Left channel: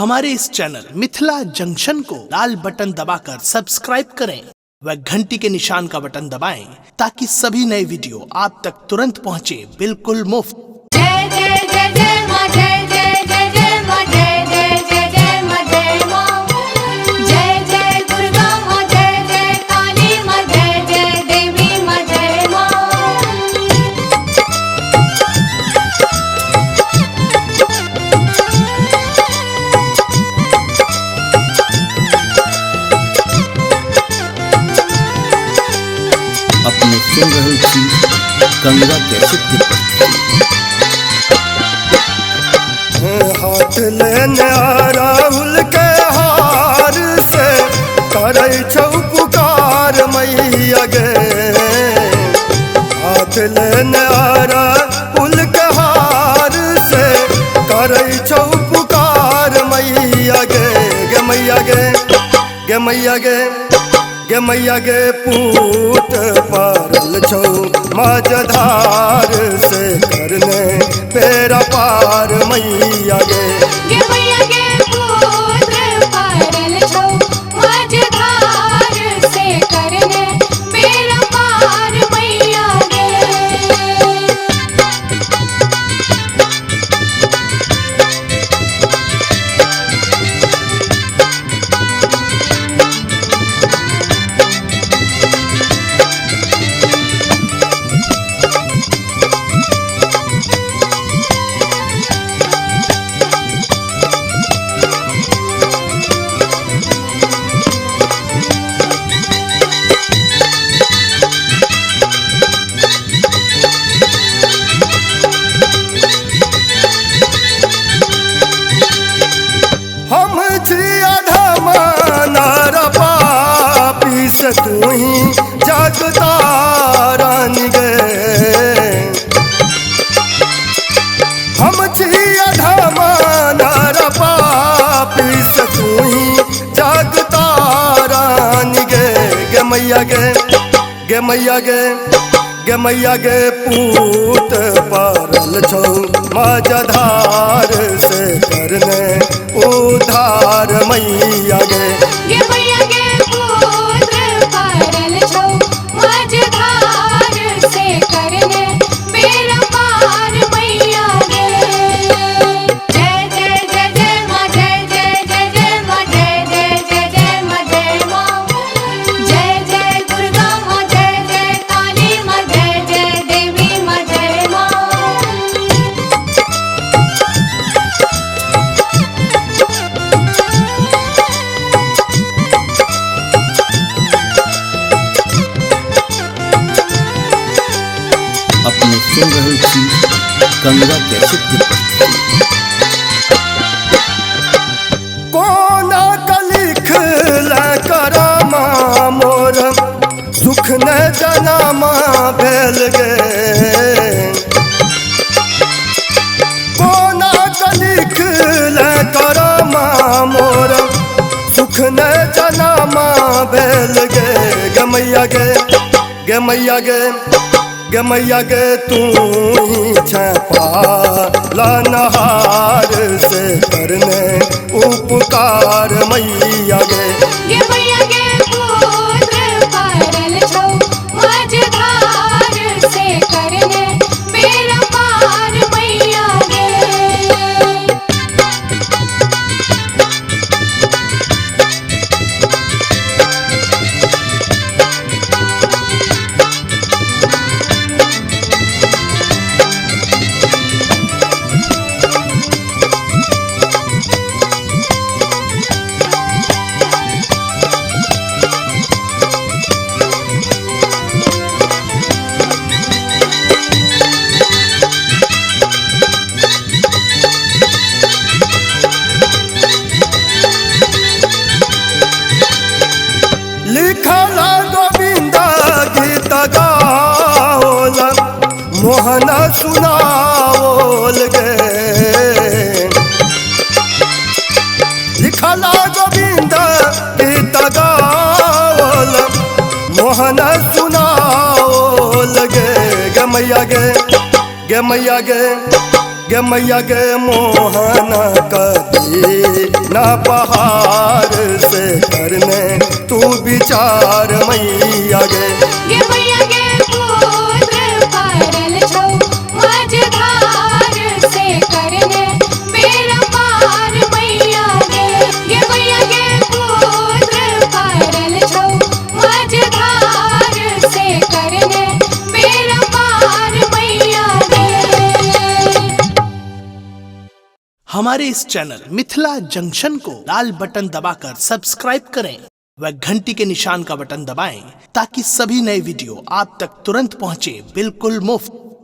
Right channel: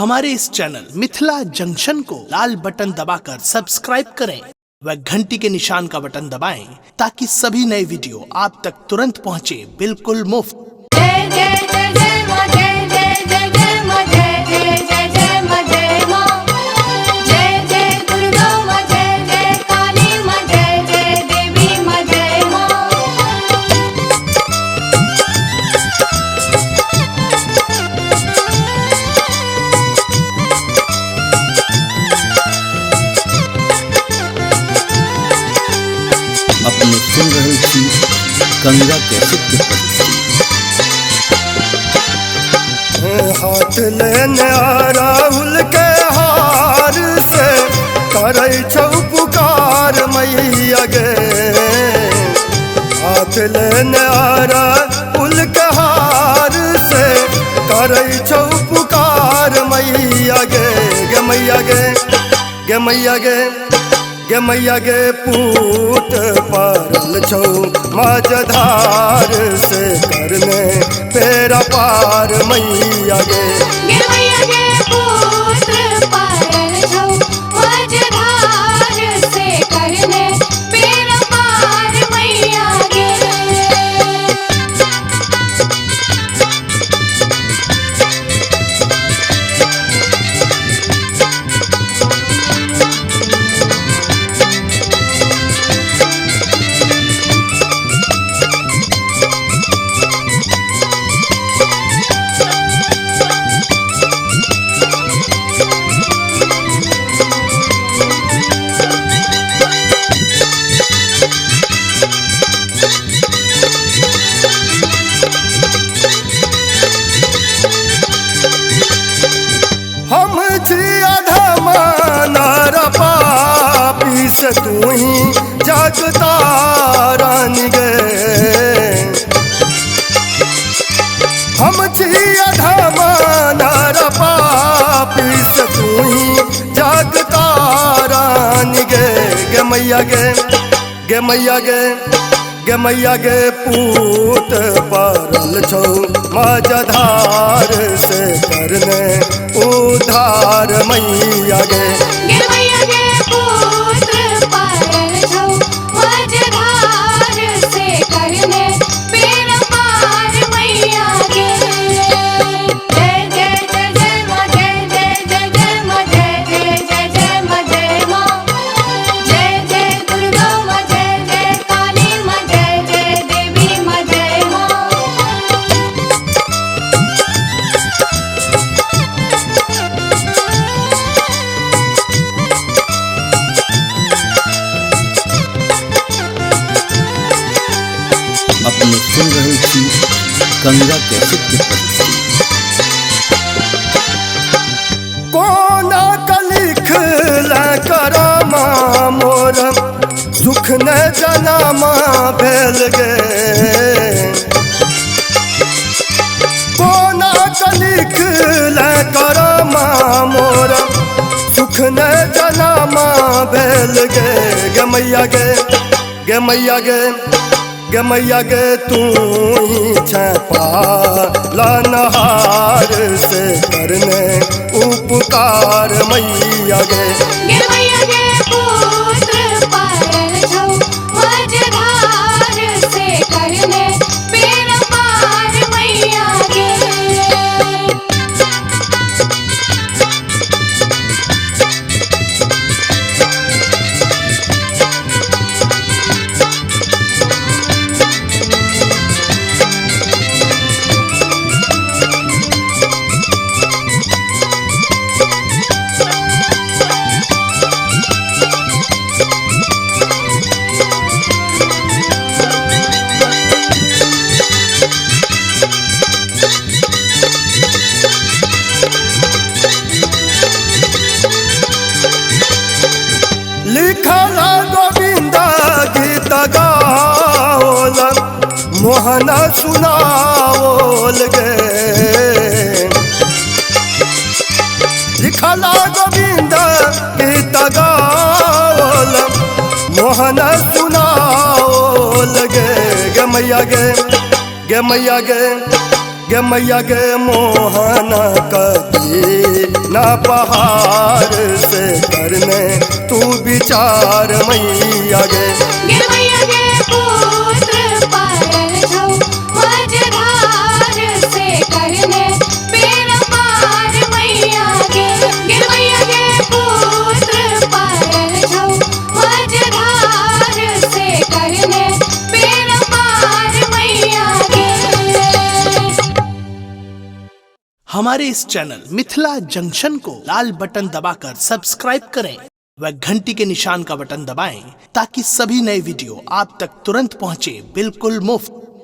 हमारे इस channel Mithila junction को लाल button दबाकर सब्सक्राइब करें व घंटी के निशान का बटन दबाएं ताकि सभी नए वीडियो आप तक तुरंत पहुंचे बिल्कुल मुफ्त। अपने सुन रहे थी गंगा कैसेट के प्रस्तुति। हाथ लेने आ राहुल के हार से करे छौ पुकार मैया गे। हाथ लेने आ राहुल के हार से करे छौ पुकार मैया गे। गे मैया गे, गे मैया गे, गे मैया गे पूत पारल छौ माझधार से करने पेरा पार मैया गे। गे मैया गे पूत पारल छौ माझधार से करने पेरा पार मैया गे। हम जिया धमानार पापी से तू ही जगता रानी गे। हम जिया धमानार पापी से तू ही जगता रानी गे। गे मैया गे, गे मैया गे, गे मैया गे पूत पारल छौ माझधार से करने उधार मैया गे। गे मैया गे पूत पारल छौ माझधार से करने पेरा पार मैया गे। जय जय जय जय मां, जय जय जय जय मां, जय जय जय जय मां, जय मां। जय जय दुर्गा मां, जय जय काली मां, जय जय देवी मां, जय मां। अपने सुन रहे थी गंगा कैसेट के प्रस्तुति। कोना का लिख ला करामा मोर सुख न जनामा भेल गे। कोना का लिख ला करामा मोर सुख न जनामा भेल गे। गे मैया गे, गे मैया गे, गे मैया गे तू ही छपा लानहार से करने उपकार मैया गे। गे मैया गे पूत पारल छौ माझधार से करने पेरा पार मैया गे। लिखला गोविंदा गीत गाओल मोहना सुनाओल गे। लिखला गोविंदा गीत गाओल मोहना सुनाओल गे। गे मैया गे, गे मैया गे, गे मैया गे मोहन कदी ना पहाड़ से करने तू विचार मैया गे गे मैया गे पुत्र पायल छौ मझधार से करने बेड़ा पार मैया गे गे मैया गे पुत्र पायल छौ मझधार से करने बेड़ा पार मैया गे। हमारे इस चैनल मिथिला जंक्शन को लाल बटन दबाकर सब्सक्राइब करें व घंटी के निशान का बटन दबाएं ताकि सभी नए वीडियो आप तक तुरंत पहुंचे बिल्कुल मुफ्त।